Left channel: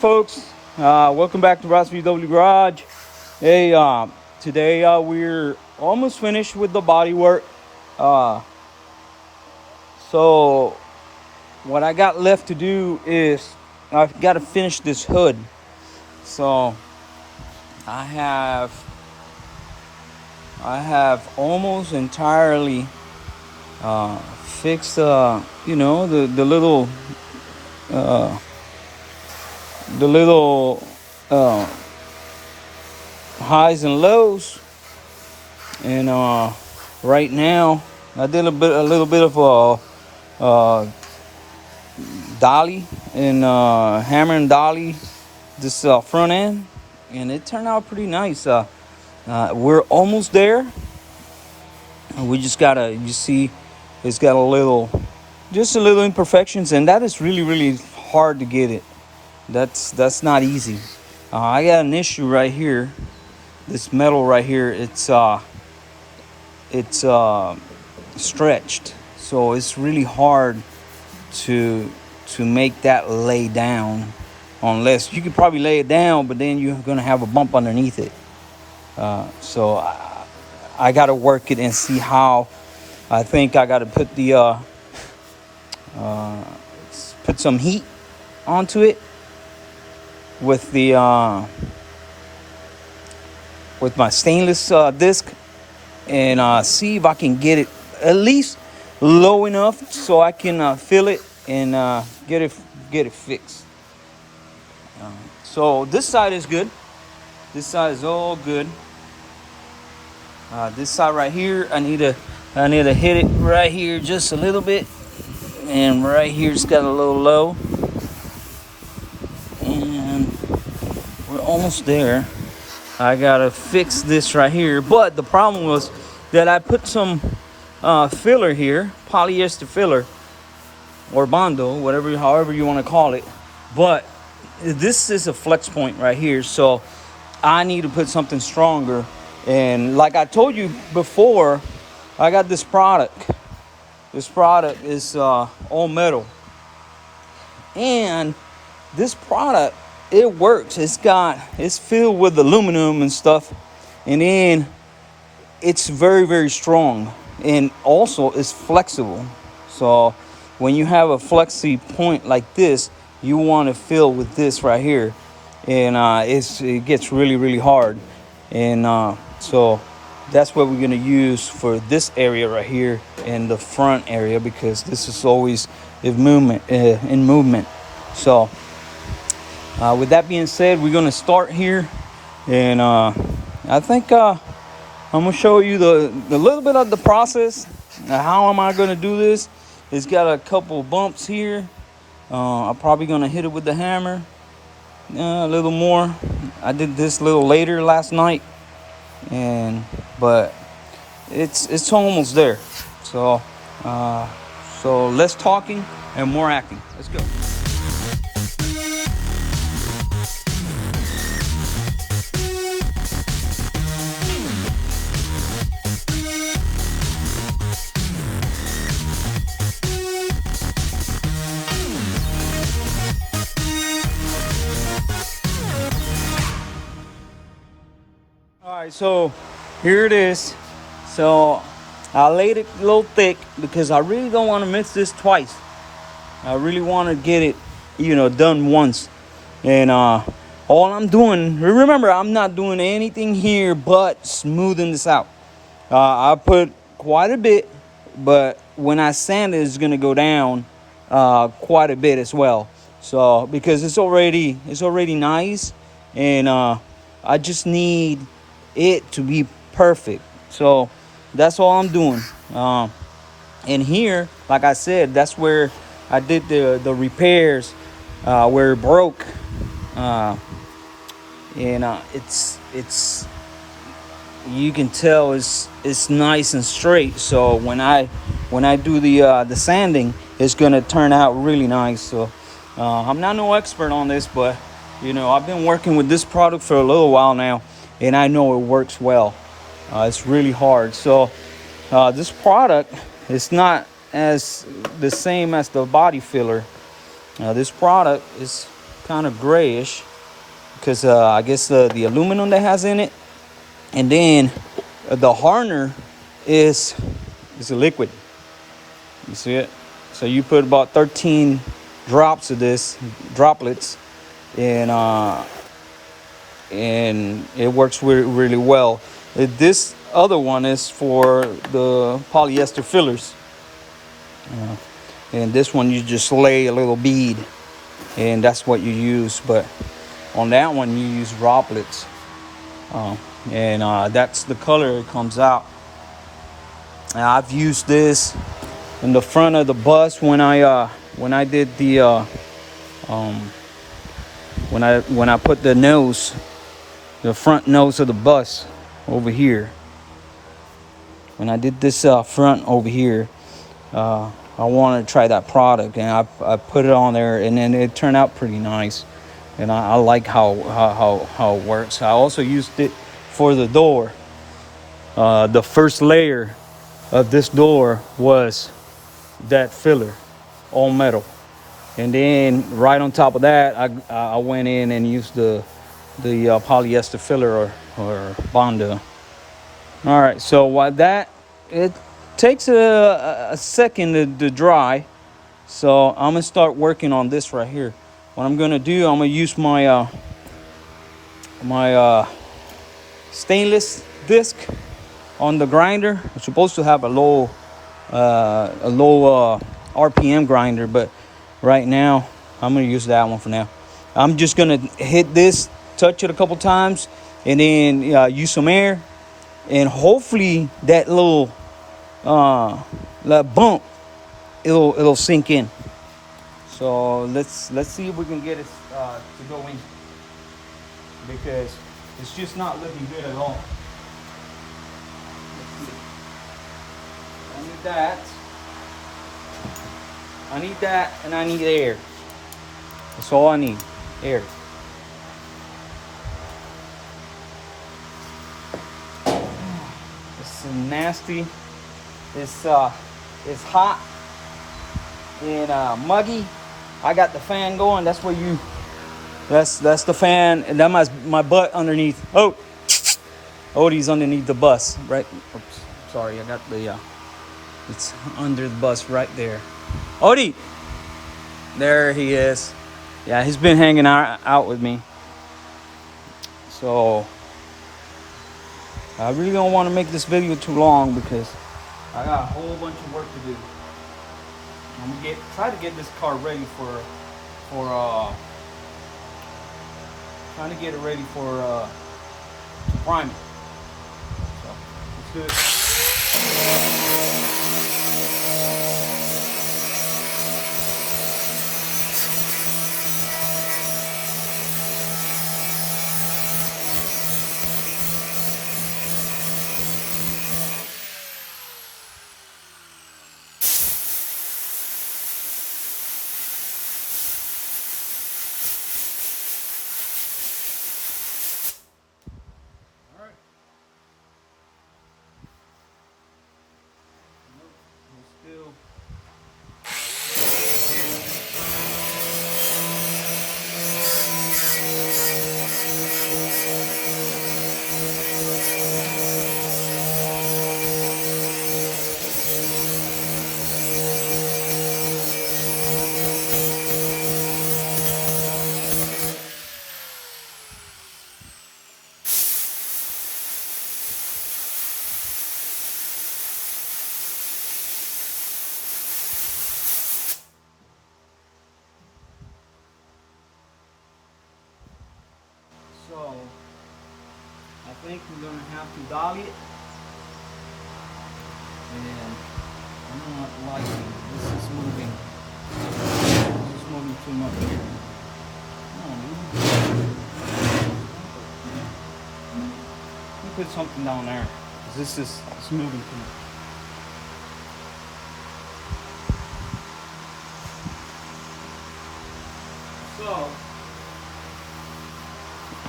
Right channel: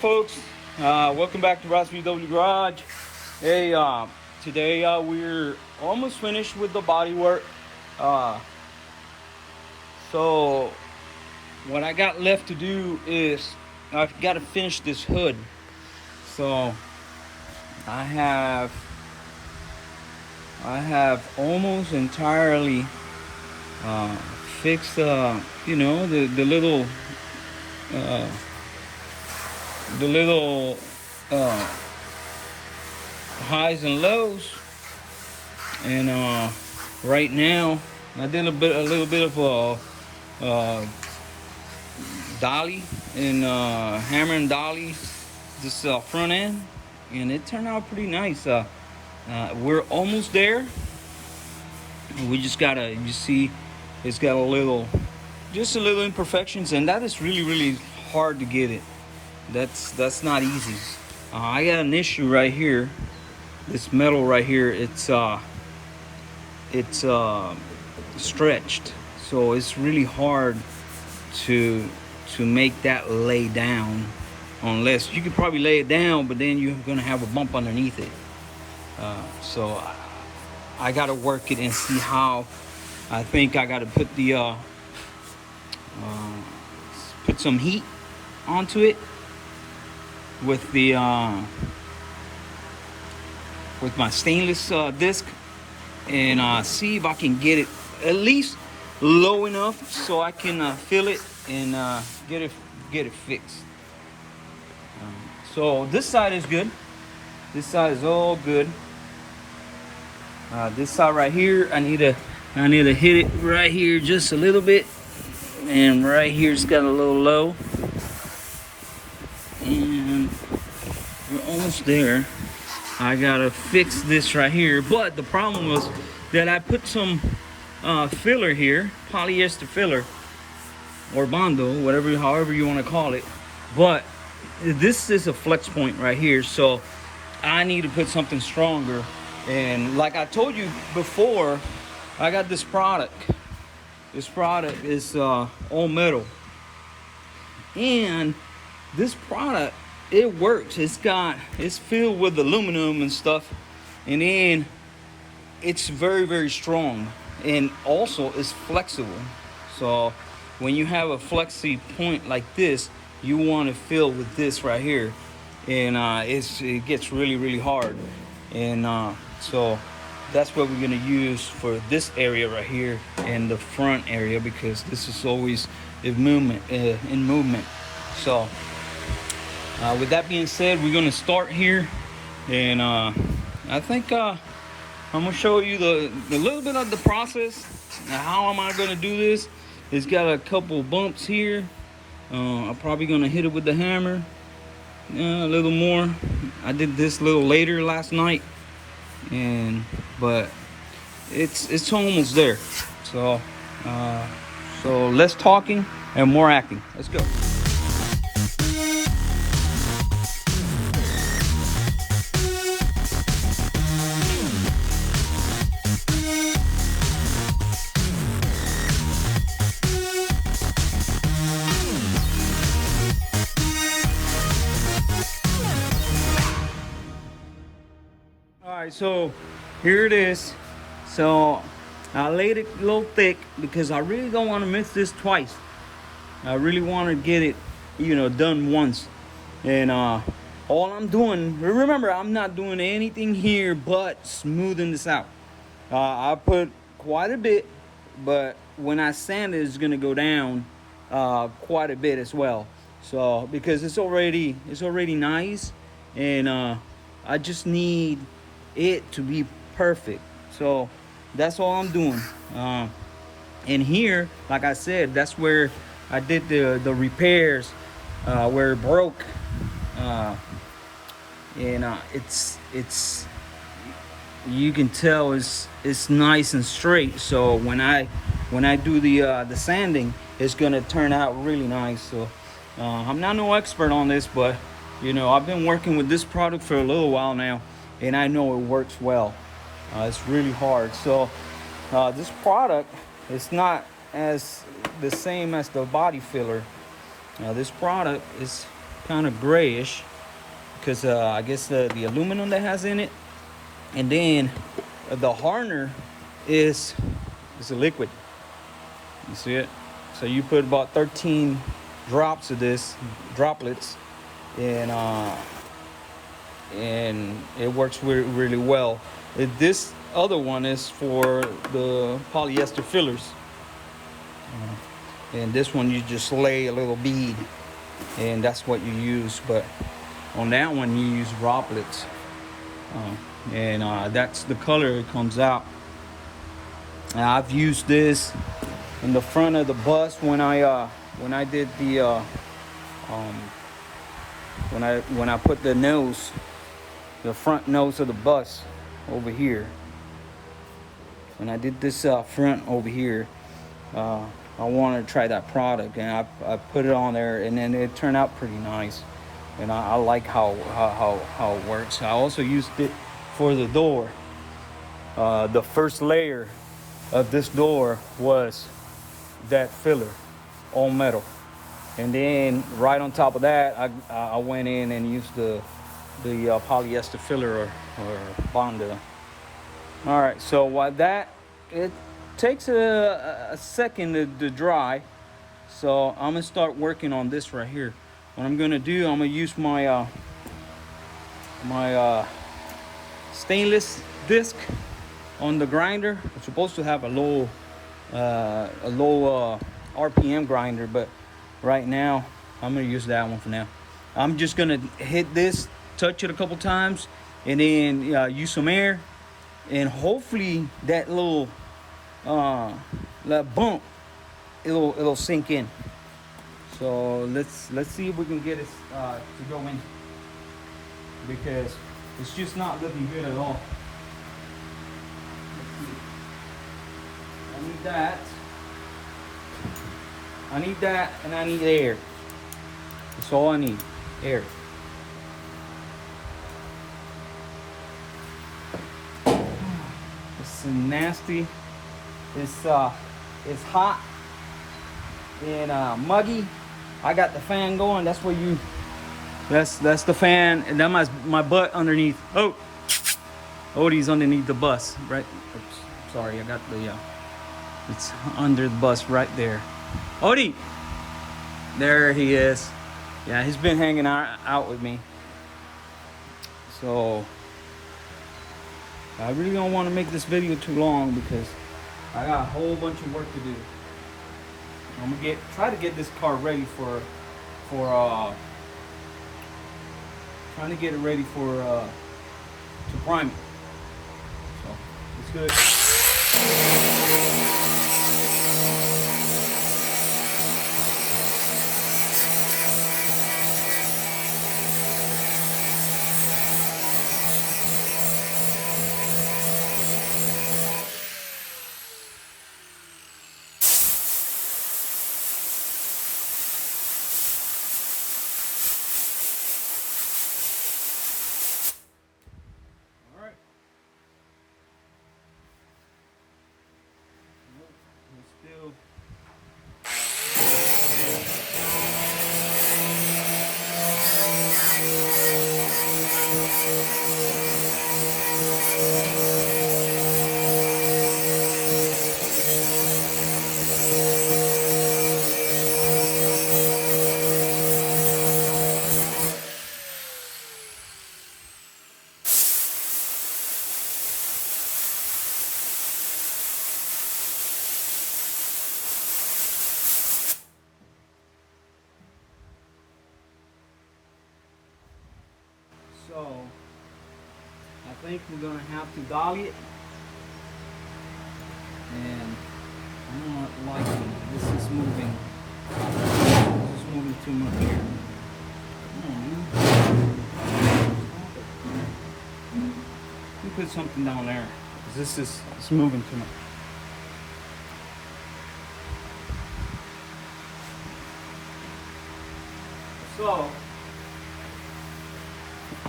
folks. Welcome back to VW Garage. Hey, today we're almost finished with the body work. So what I got left to do is I've got to finish this hood. So I have almost entirely fixed, the little highs and lows, and right now I did a little bit of dolly and hammer and dolly this front end, and it turned out pretty nice. We're almost there. We just gotta, you see, it's got just a little imperfections, and that is really hard to get it. That's not easy. I got an issue right here. This metal right here, it's stretched, so it's really hard to make that lay down, unless you could probably lay it down, but then you're gonna have a bump underneath it. So I gotta work it and see how. I think I gotta put put some heat onto it with with my stainless disc, and see if I can get it at least low enough so I can feel it and get it fixed. So this side is good. This side is all good. This side right here, I need to hit it right here just a little bit, and right here it's got a little low, and we're almost there. I gotta fix this right here, but the problem was that I put some filler here, polyester filler or bondo, however you want to call it, but this is a flex point right here, so I need to put something stronger. And like I told you before, I got this product. This product is all metal, and this product, it works. It's filled with aluminum and stuff, and then it's very strong, and also it's flexible. So when you have a flexy point like this, you want to fill with this right here, and it gets really hard, and so that's what we're gonna use for this area right here in the front area, because this is always in movement. So with that being said, we're gonna start here, and I think I'm gonna show you the little bit of the process. How am I gonna do this? It's got a couple bumps here. I'm probably gonna hit it with the hammer a little more. I did this a little later last night, but it's almost there. So less talking and more acting. Let's go. All right, so here it is. So I laid it a little thick because I really don't want to mix this twice. I really want to get it, done once. And all I'm doing, remember, I'm not doing anything here but smoothing this out. I put quite a bit, but when I sand it, it's gonna go down quite a bit as well. So because it's already nice, and I just need it to be perfect. So that's all I'm doing. And here, like I said, that's where I did the repairs where it broke, and it's you can tell it's nice and straight. So when I do the sanding, it's gonna turn out really nice. So I'm not no expert on this, but I've been working with this product for a little while now, and I know it works well. It's really hard. So this product is not as the same as the body filler. This product is kind of grayish because I guess the aluminum that has in it, and then the hardener is a liquid. You see it? So you put about 13 drops of this, droplets, and it works really, really well. This other one is for the polyester fillers, and this one you just lay a little bead, and that's what you use. But on that one you use droplets, and that's the color it comes out. And I've used this in the front of the bus when I did the when I put the front nose of the bus over here. When I did this front over here, I wanted to try that product, and I put it on there, and then it turned out pretty nice, and I like how it works. I also used it for the door. The first layer of this door was that filler, all metal, and then right on top of that, I went in and used the polyester filler or Bondo. All right, so while that, it takes a second to dry, so I'm gonna start working on this right here. What I'm gonna do, I'm gonna use my stainless disc on the grinder. It's supposed to have a low RPM grinder, but right now I'm gonna use that one for now. I'm just gonna hit this, touch it a couple times, and then use some air, and hopefully that little that bump, it'll sink in. So let's see if we can get it to go in, because it's just not looking good at all. Let's see. I need that, and I need air. That's all I need, air. It's nasty. It's hot and muggy. I got the fan going. That's where you. That's the fan, and that's my butt underneath. Oh, Odie's underneath the bus, right? Oops, sorry, I got the. It's under the bus right there. Odie, there he is. Yeah, he's been hanging out with me. So I really don't want to make this video too long because I got a whole bunch of work to do. I'm gonna try to get this car ready for trying to get it ready for prime it. So let's do it. Still. So I think we're gonna have to dolly it, and I'm not liking this is moving. This is moving too much. Come on, dude. Let me put something down there, because it's moving too much. So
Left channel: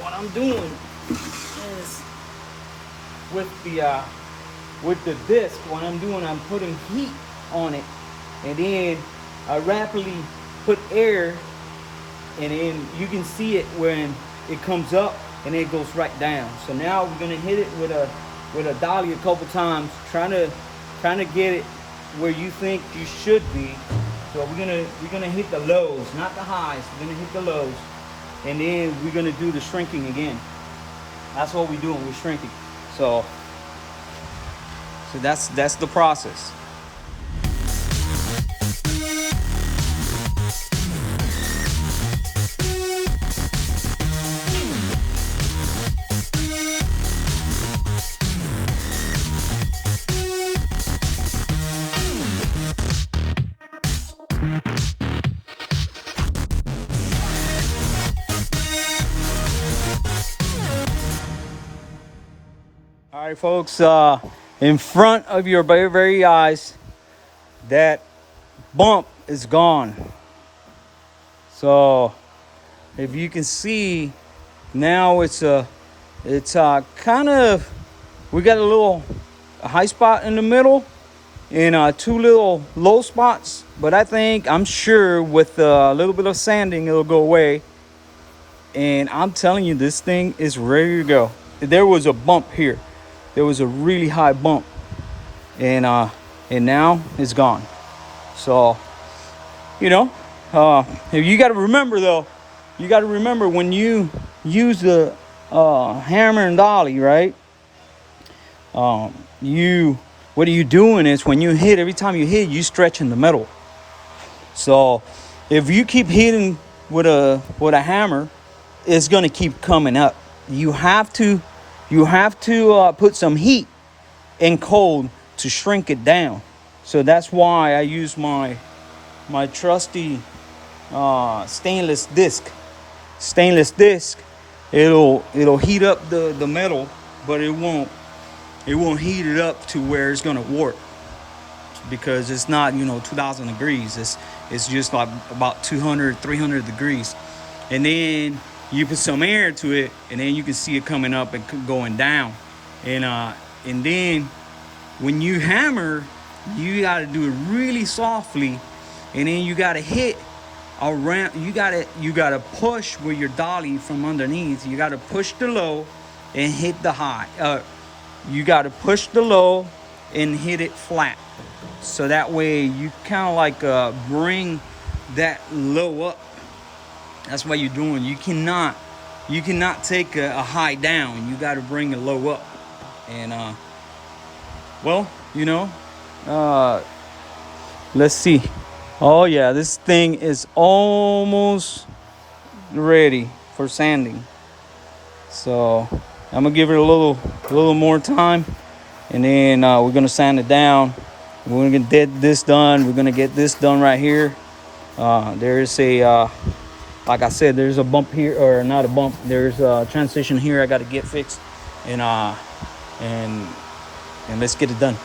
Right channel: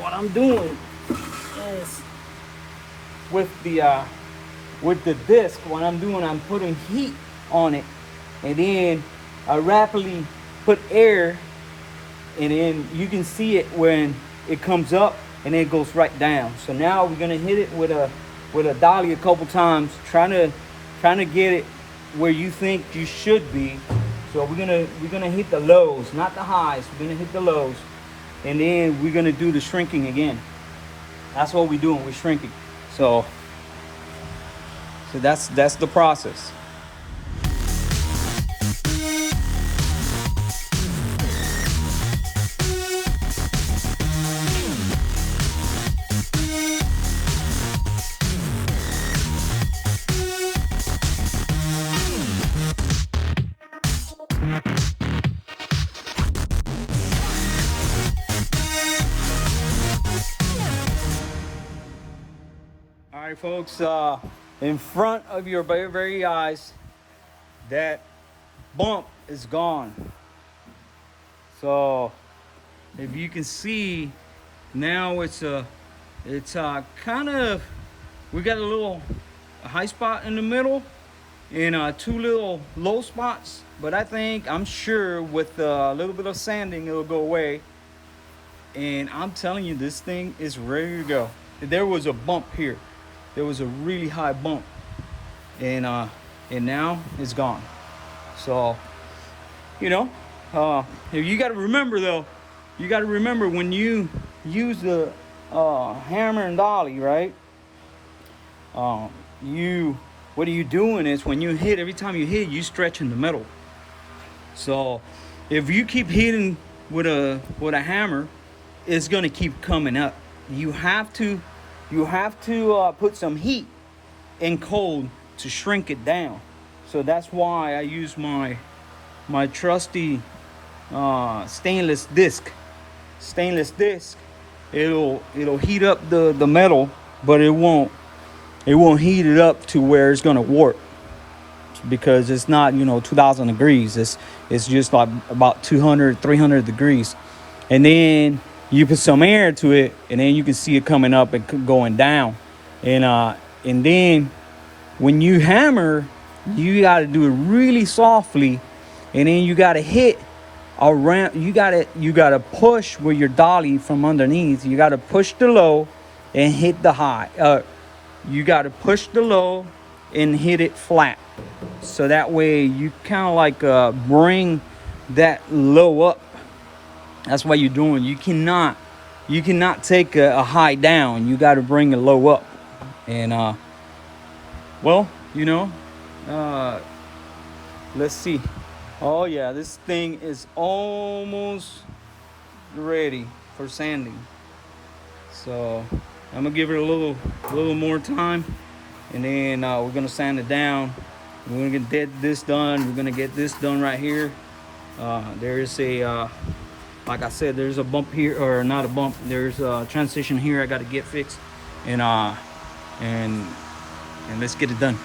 what I'm doing is with the disc, what I'm doing, I'm putting heat on it, and then I rapidly put air and then you can see it when it comes up and then it goes right down. So now we're gonna hit it with a dolly a couple times, trying to get it where you think you should be. So we're gonna hit the lows, not the highs. We're gonna hit the lows, and then we're gonna do the shrinking again. That's what we're doing. We're shrinking. So that's the process. All right, folks, in front of your very eyes, that bump is gone. So if you can see, now it's kind of, we got a high spot in the middle and two little low spots, but I'm sure with a little bit of sanding it'll go away. And I'm telling you, this thing is ready to go. There was a bump here. There was a really high bump, and now it's gone. So, you know, you got to remember though. You got to remember when you use the hammer and dolly, right? What are you doing is when you hit, every time you hit, you stretching the metal. So, if you keep hitting with a hammer, it's gonna keep coming up. You have to put some heat and cold to shrink it down. So that's why I use my trusty stainless disc. It'll heat up the metal, but it won't heat it up to where it's gonna warp, because it's not 2000 degrees. It's just like about 200-300 degrees. And then you put some air to it, and then you can see it coming up and going down. And then when you hammer, you got to do it really softly, and then you got to hit around. You got to push with your dolly from underneath. You got to push the low and hit the high. You got to push the low and hit it flat. So that way you kind of like bring that low up. That's what you're doing. You cannot take a high down. You got to bring a low up. And well, let's see. Oh yeah, this thing is almost ready for sanding. So I'm gonna give it a little more time, and then we're gonna sand it down. We're gonna get this done. We're gonna get this done right here. There's a like I said, there's a bump here, or not a bump. There's a transition here I got to get fixed, and let's get it done.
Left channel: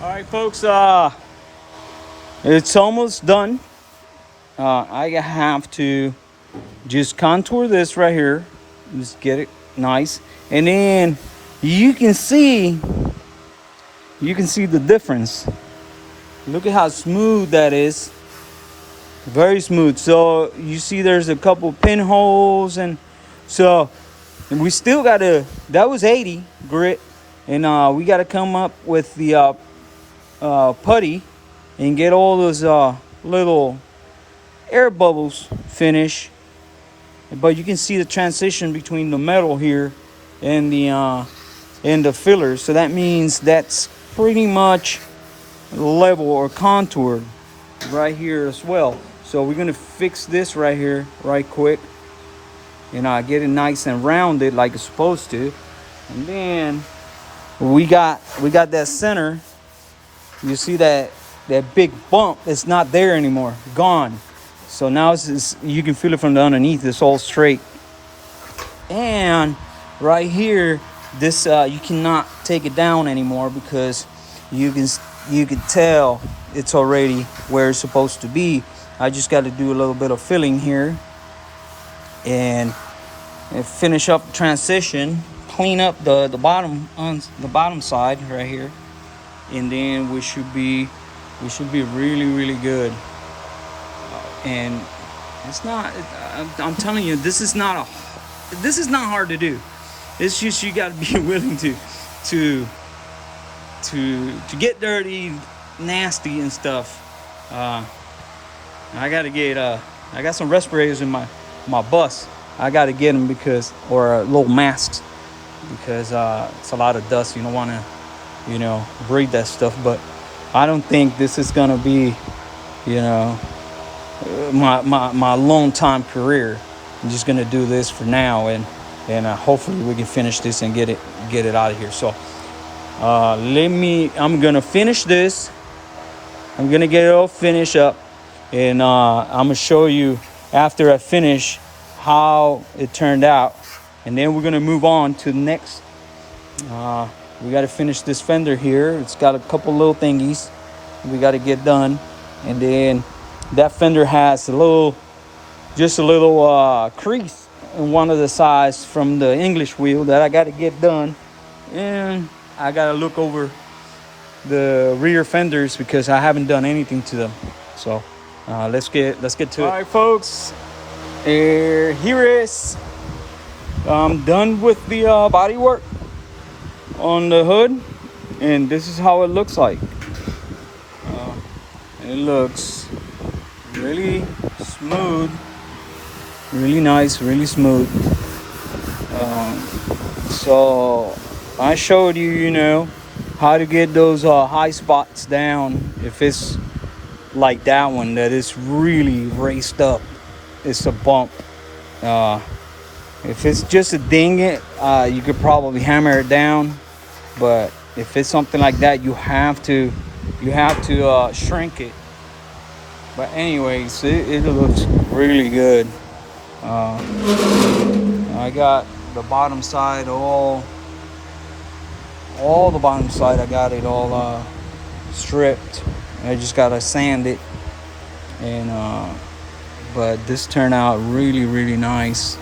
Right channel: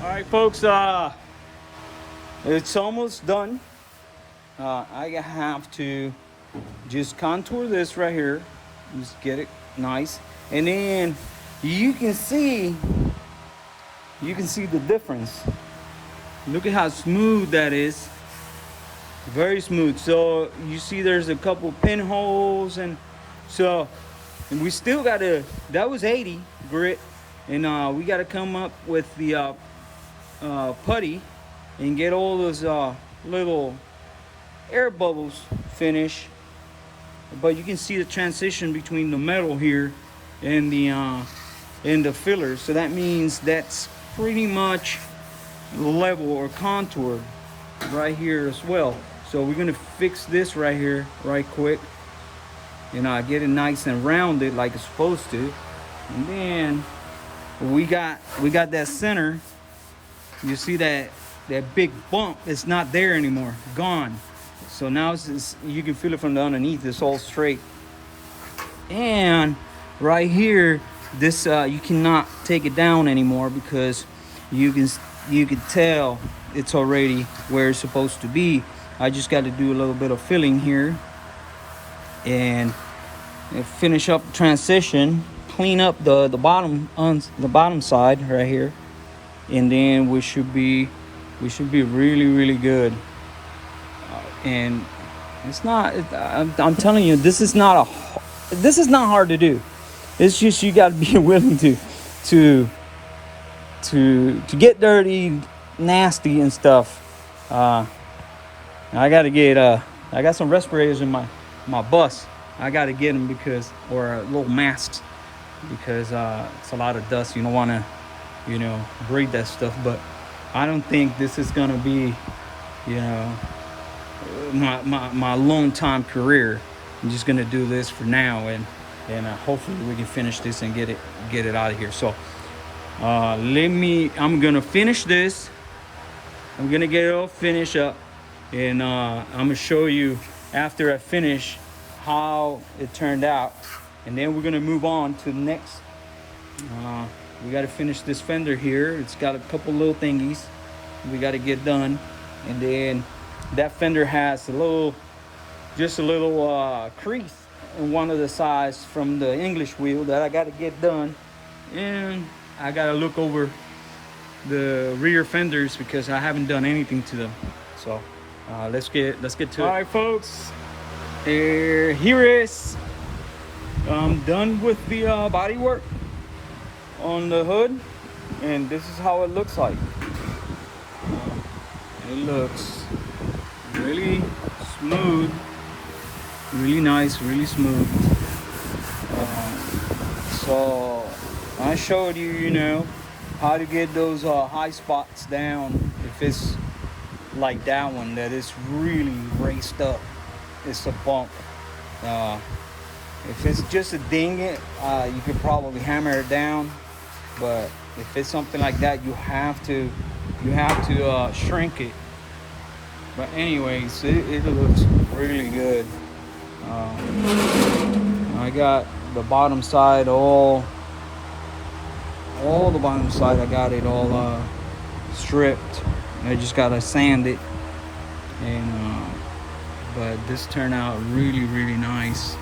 All right, folks, it's almost done. I have to just contour this right here, just get it nice, and then you can see the difference. Look at how smooth that is. Very smooth. So you see there's a couple pinholes, and we still gotta, that was 80 grit, and we gotta come up with the putty and get all those little air bubbles finished. But you can see the transition between the metal here and the fillers. So that means that's pretty much level or contoured right here as well. So we're gonna fix this right here right quick, and get it nice and rounded like it's supposed to. And then we got that center. You see that big bump? It's not there anymore, gone. So now you can feel it from the underneath. It's all straight. And right here, this you cannot take it down anymore because you can tell it's already where it's supposed to be. I just got to do a little bit of filling here and finish up the transition, clean up the bottom on the bottom side right here, and then we should be really good. And it's not, I'm telling you, this is not hard to do. It's just you got to be willing to get dirty, nasty and stuff. I got some respirators in my bus. I got to get them or little masks, because it's a lot of dust. You don't want to, breathe that stuff. But I don't think this is gonna be, my long time career. I'm just gonna do this for now, and hopefully we can finish this and get it out of here. So I'm gonna finish this. I'm gonna get it all finished up, and I'm gonna show you after I finish how it turned out, and then we're gonna move on to the next. We got to finish this fender here. It's got a couple little thingies we got to get done, and then that fender has just a little crease in one of the sides from the English wheel that I got to get done, and I got to look over the rear fenders because I haven't done anything to them. So let's get to it. All right, folks, here is I'm done with the body work on the hood, and this is how it looks like. It looks really smooth, really nice, really smooth. So I showed you, how to get those high spots down. If it's like that one that is really raised up, it's a bump. If it's just a ding it, you could probably hammer it down. But if it's something like that, you have to shrink it. But anyways, it looks really good. I got the bottom side all the bottom side. I got it all stripped. I just gotta sand it, and but this turned out really nice.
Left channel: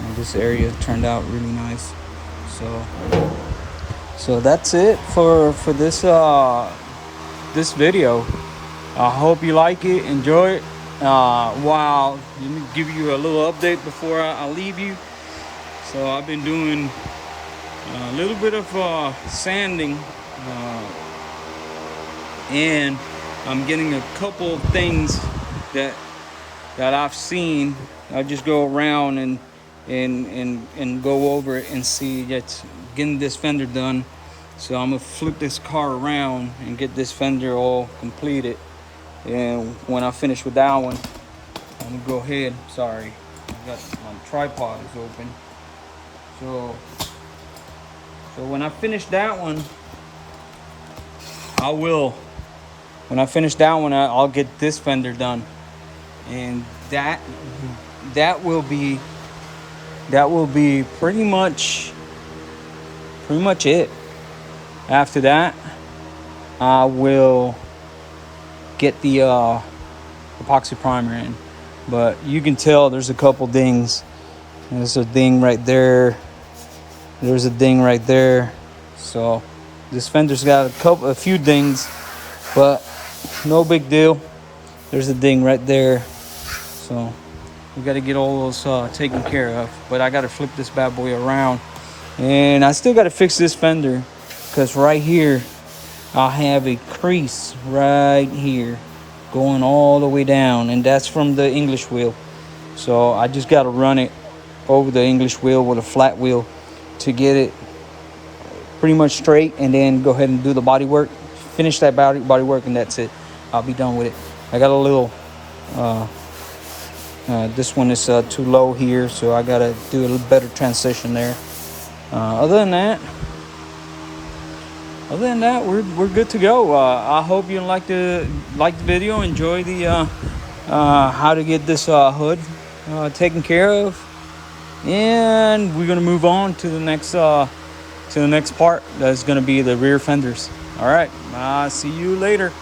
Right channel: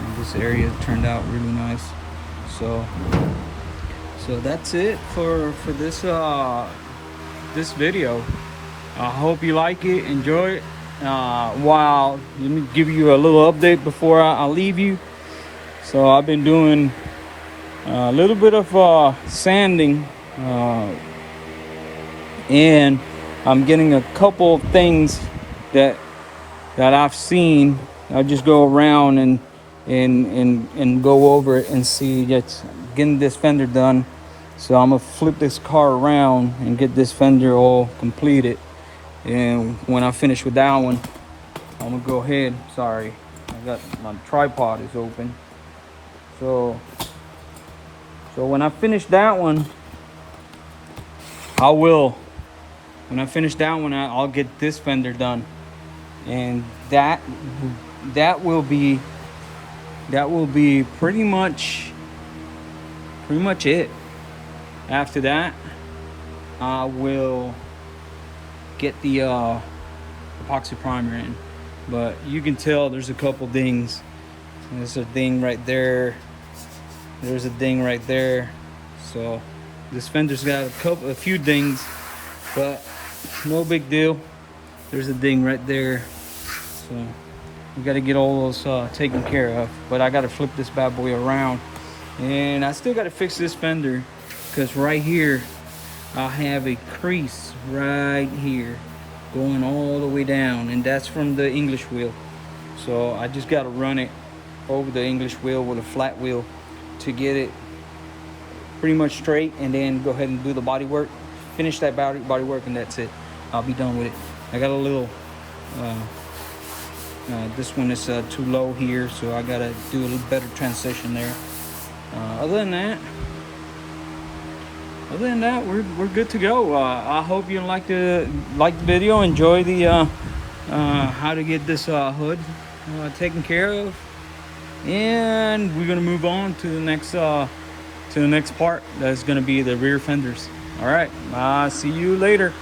And this area turned out really nice. So that's it for this this video. I hope you like it, enjoy it. While let me give you a little update before I leave you. So I've been doing a little bit of sanding, and I'm getting a couple of things that I've seen. I just go around and go over it and see that getting this fender done. So I'm gonna flip this car around and get this fender all completed, and when I finish with that one, I'm gonna go ahead. Sorry, I got my tripod is open. So when I finish that one, I'll get this fender done, and that will be pretty much it. After that, I will get the epoxy primer in. But you can tell there's a couple dings. There's a ding right there. There's a ding right there. So this fender's got a few dings, but no big deal. There's a ding right there. So we got to get all those taken care of. But I got to flip this bad boy around, and I still got to fix this fender, because right here I have a crease right here going all the way down, and that's from the English wheel. So I just got to run it over the English wheel with a flat wheel to get it pretty much straight, and then go ahead and do the body work, finish that body work, and that's it. I'll be done with it. I got a little this one is too low here, so I gotta do a little better transition there. Other than that, we're good to go. I hope you like the video, enjoy the how to get this hood taken care of, And we're gonna move on to the next part. That's gonna be the rear fenders. All right, see you later.